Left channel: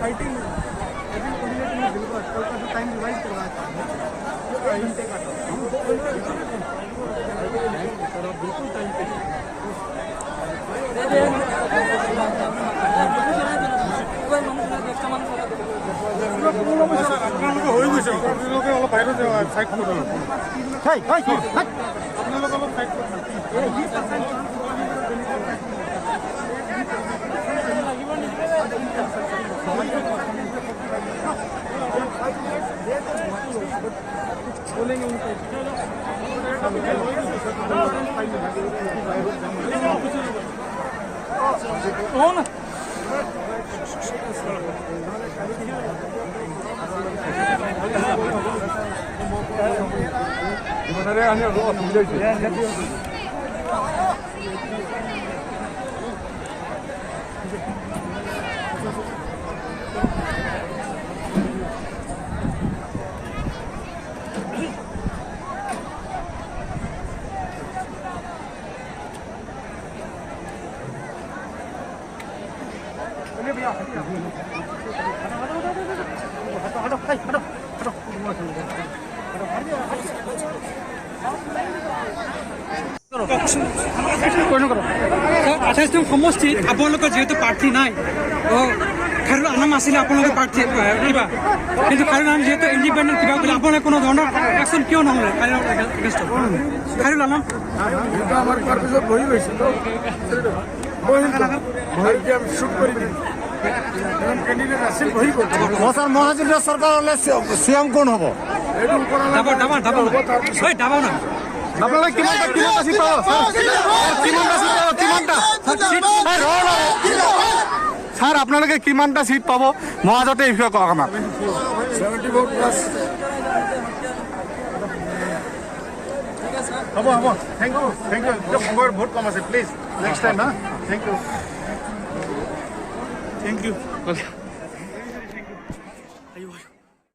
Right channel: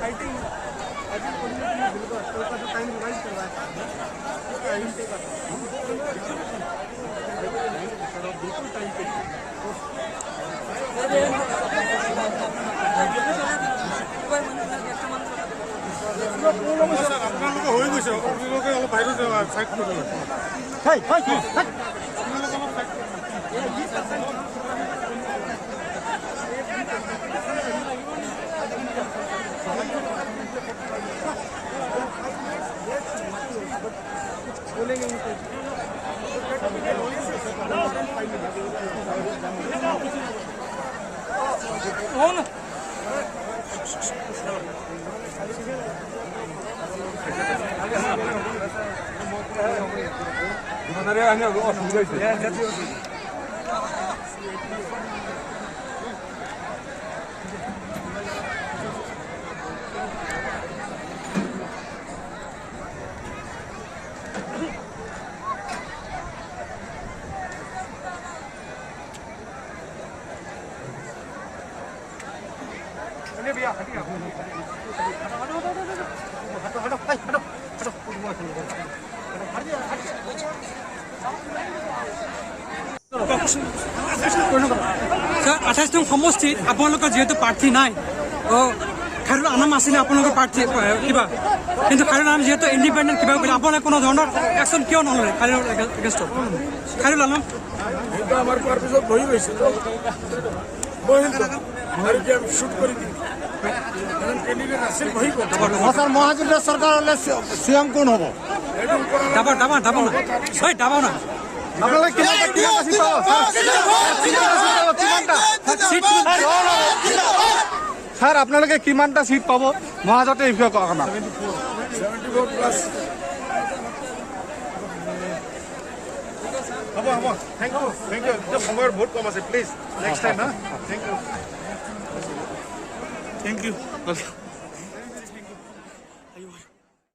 fighting बिल्कुल कल का जो टाइम रिवाइज करवाया था वो 1 घंटे का था हम 2 घंटे सर बिल्कुल टाइम पे बोलेंगे उनको भैया আঠাইছ নং সমষ্টিত আপোনালোকৰ যিহেতু প্ৰাৰ্থী নাই খাৰুল আলম আছিলে আপোনালোকৰ প্ৰাৰ্থী কিবা কিন্তু খাৰুল আলম যিহেতু ইণ্ডিপেণ্ডেণ্ট কিবা বুলি আপোনালোকে কোনো ধৰণৰ একশ্যন কিয় নহ'লে খাৰুল আলম আমার পারমিশন বহি রয়েছে তো আমি শুট করি এখন ক্যান্ডিডেট আসিল বহি করতে স্যার মহাজিরা সরকার হলে সিএম কোন হব এরকম করা না আপনারা স্যার আপনালোকে কিমানটা সিট পাব মহাজোটে এই বিষয়ে কওক আমাক 74 প্লাস হ'ব থেংক ইউ খবৰ বহুত কম আছে প্লিজ নেক্সট টাইম হা থেংক ইউ